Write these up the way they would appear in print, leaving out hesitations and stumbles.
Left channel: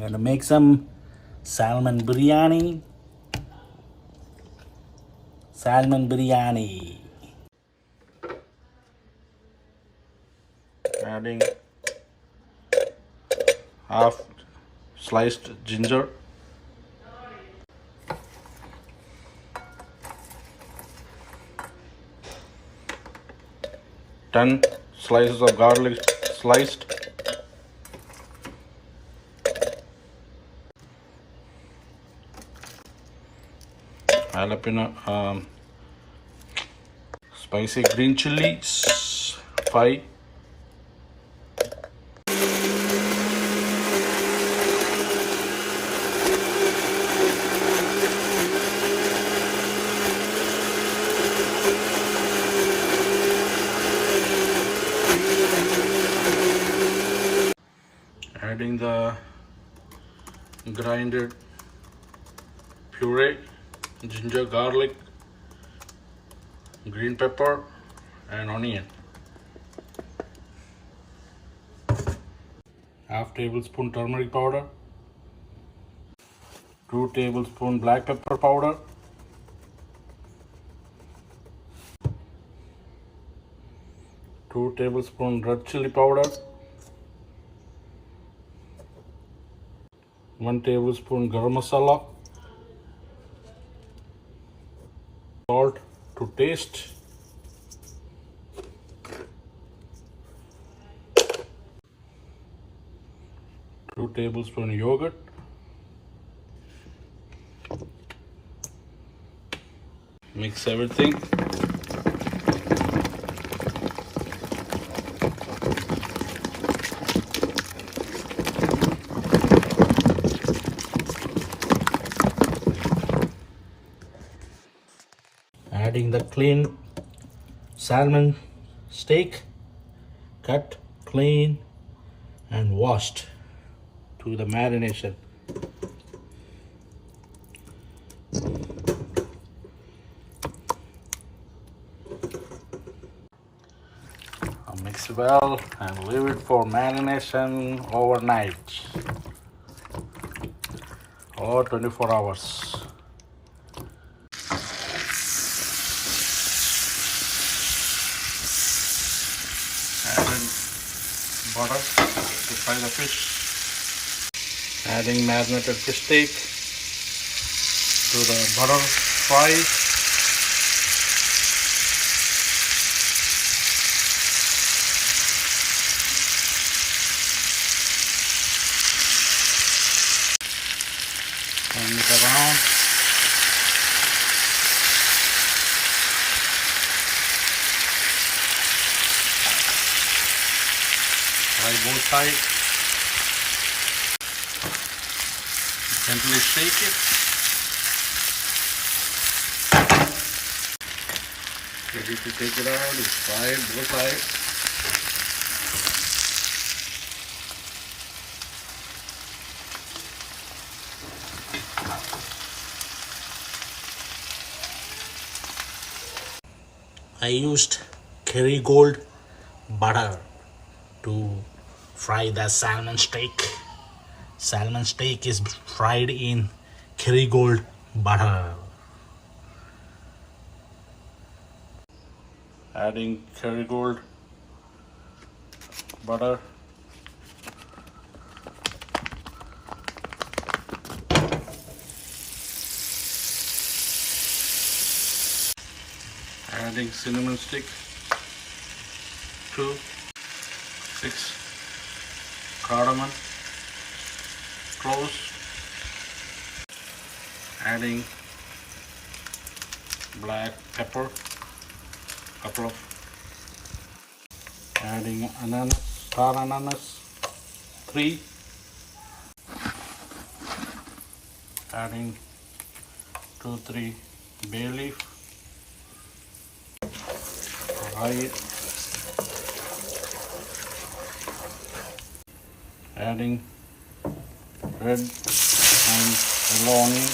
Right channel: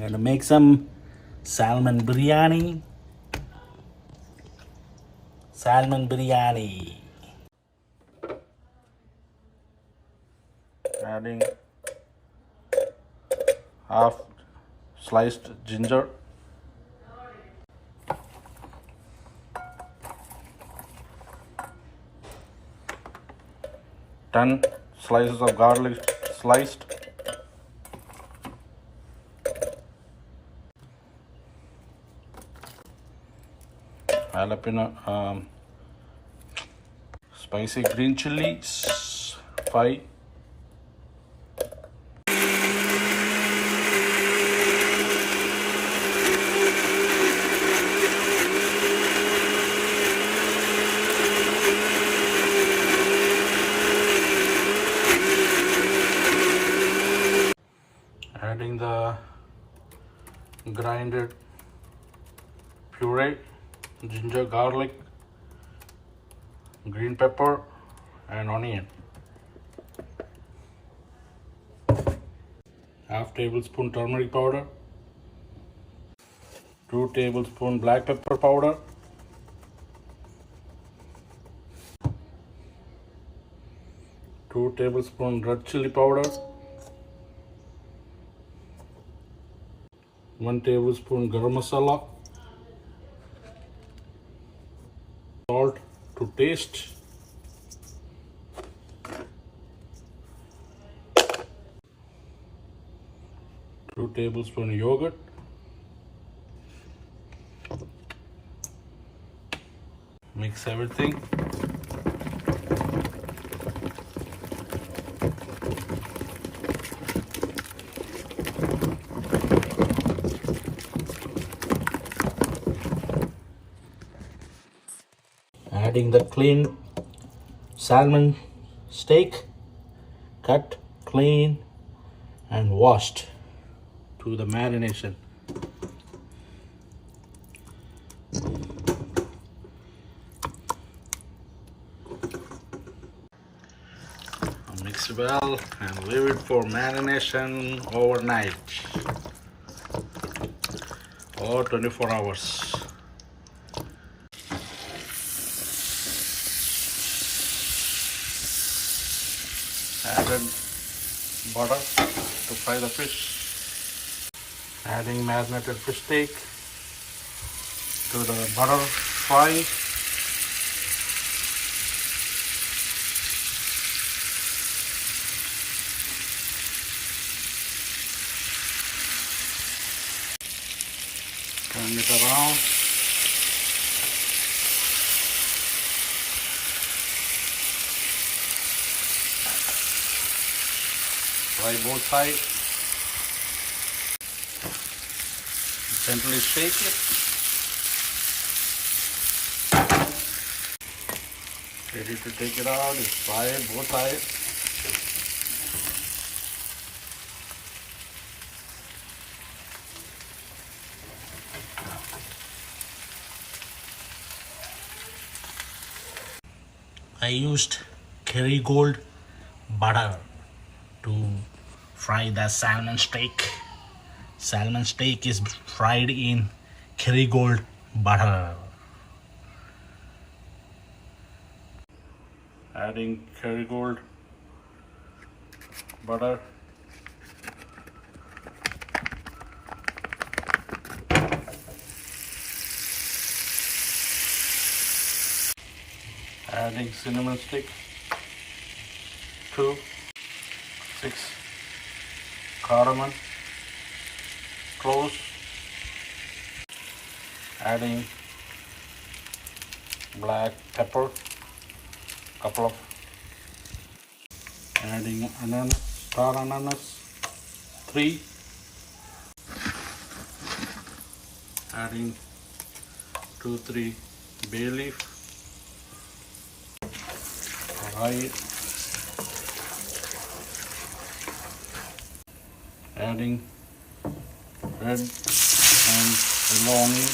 I'm going to make some salmon biryani. Salmon biryani. Adding half sliced ginger. Ten slices of garlic sliced. Jalapeno, spicy green chilies, 5. Adding the grinded puree, ginger, garlic, green pepper, and onion. Half tablespoon turmeric powder, 2 tablespoon black pepper powder, 2 tablespoon red chili powder, 1 tablespoon garam masala, salt to taste, two tablespoon yogurt, mix everything. Adding the clean salmon steak, cut, clean, and washed to the marination. Mix well and leave it for marination overnight or 24 hours. Added butter to fry the fish. Adding marinated fish steak to the butter fry. Turn it around. Fry both sides. Gently shake it. Ready to take it out. It's fried both sides. I used Kerrygold butter to fry the salmon steak. Salmon steak is fried in Kerrygold butter. Adding Kerrygold butter. Adding cinnamon stick, 2, 6 cardamom cloves. Adding black pepper, couple of. Adding ananas, star ananas, 3. Adding 2-3 bay leaf. Fry it. Adding red and yellow onion.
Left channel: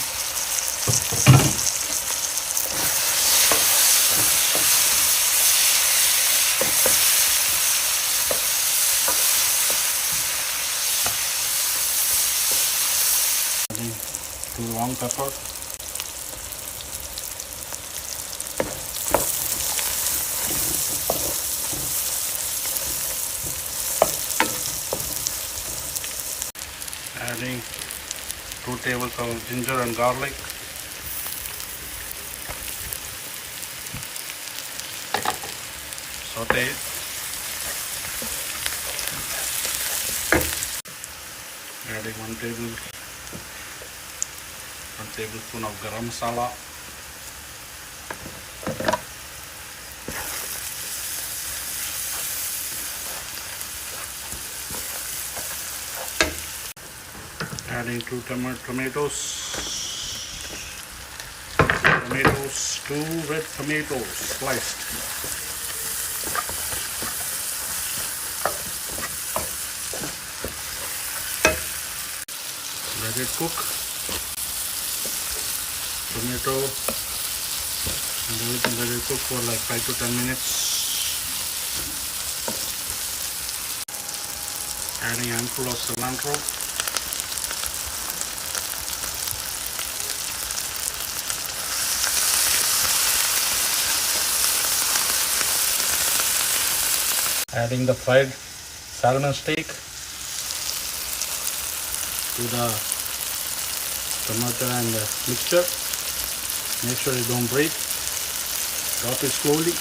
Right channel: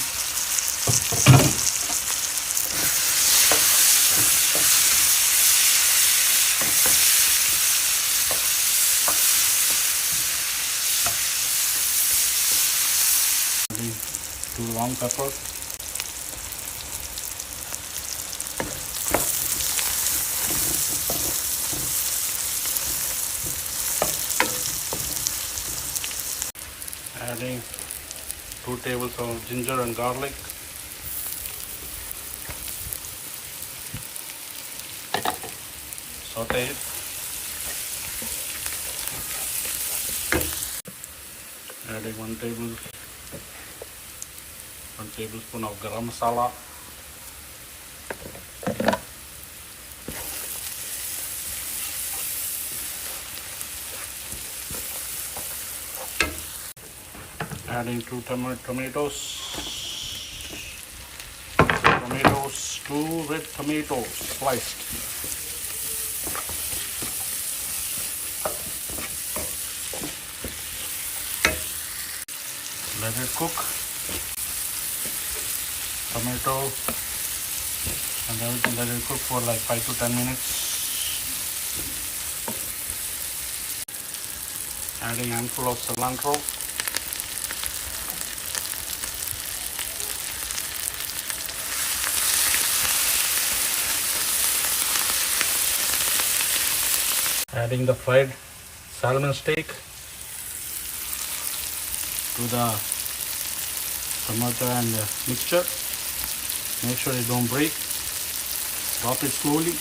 long pepper. Adding 2 tablespoons of ginger and garlic. Saute it. Adding 1 tablespoon of garam masala. Adding 2 tomatoes. 2 red tomatoes sliced. Let it cook. Tomato and everything, let it cook for like 5 to 10 minutes. Adding a handful of cilantro. Adding the fried salmon steak to the tomato and mixture. Make sure it don't break. Drop it slowly.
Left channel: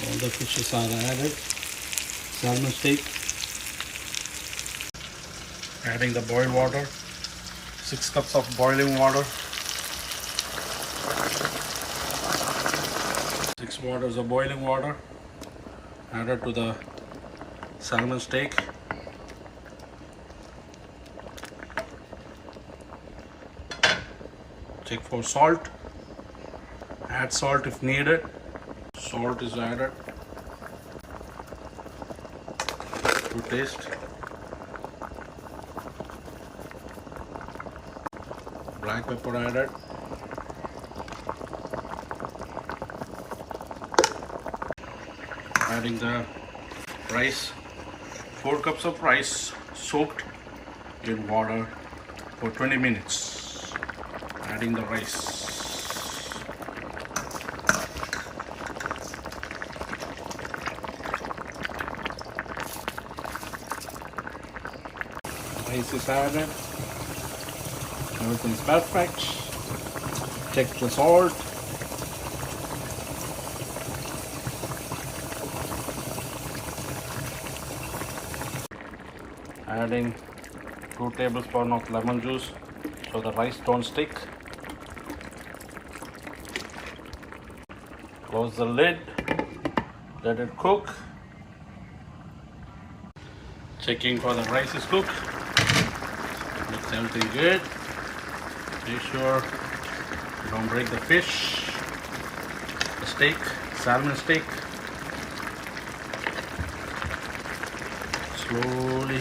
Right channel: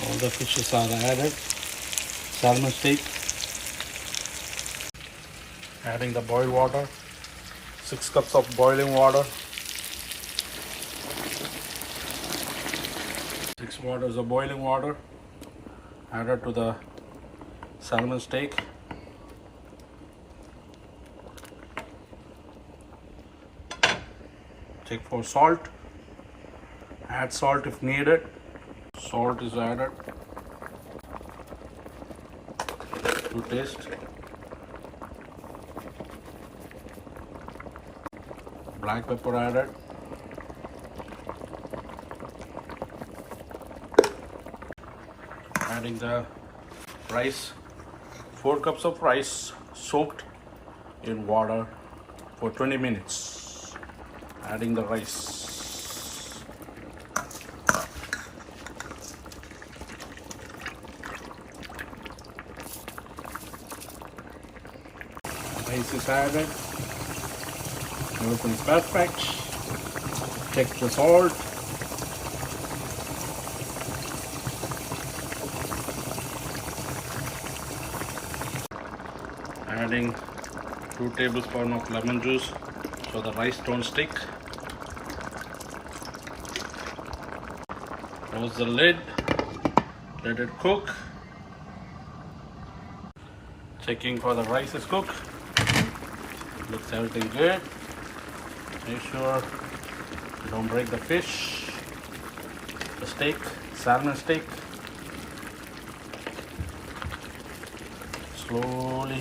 All the fishes are added. Salmon steak. Adding the boiled water. 6 cups of boiling water. 6 waters of boiling water added to the salmon steak. Check for salt. Add salt if needed. Salt is added to taste. Black pepper added. Adding the rice. 4 cups of rice soaked in water for 20 minutes. Adding the rice. Rice is added. Everything is perfect. Check the salt. Adding 2 tablespoons of lemon juice so the rice don't stick. Close the lid. Let it cook. Checking for the rice is cooked. Looks everything good. Make sure you don't break the fish. The steak, salmon steak. Slowly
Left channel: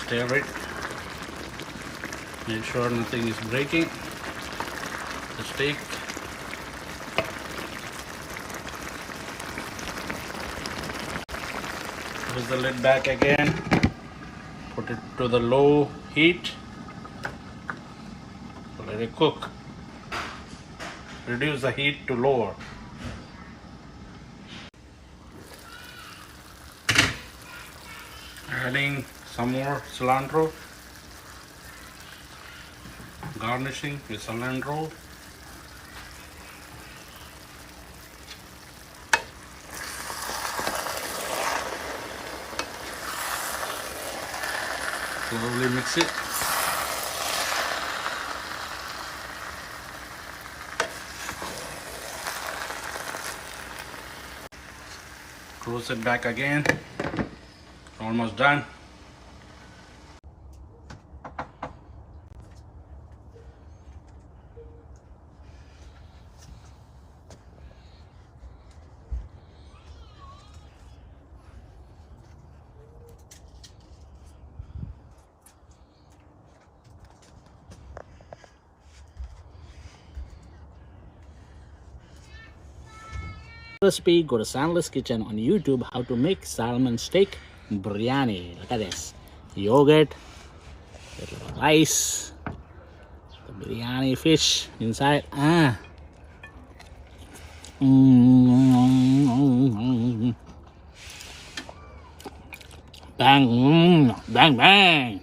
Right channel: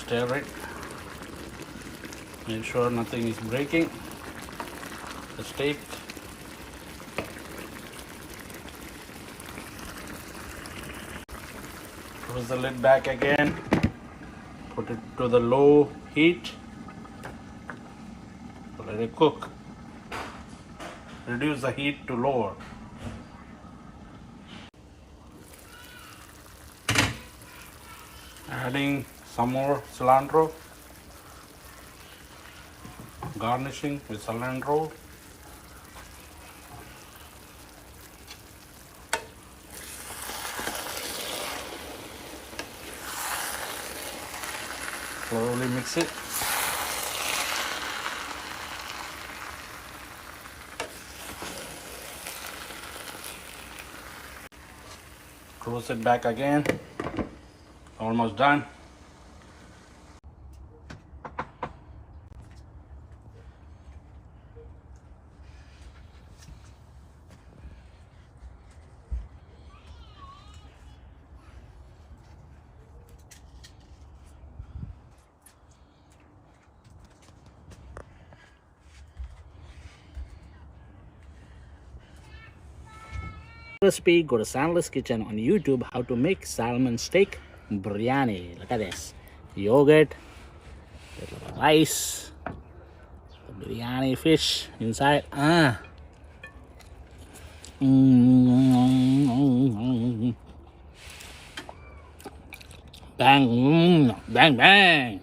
stir it. Make sure nothing is breaking. The steak. Close the lid back again. Put it to the low heat. Let it cook. Reduce the heat to lower. Adding some more cilantro. Garnishing with cilantro. Slowly mix it. Close it back again. Almost done. Recipe, go to Sandler's Kitchen on YouTube how to make salmon steak. biryani. Look at this. Yogurt, with little rice, the biryani fish inside. Bang, bang, bang.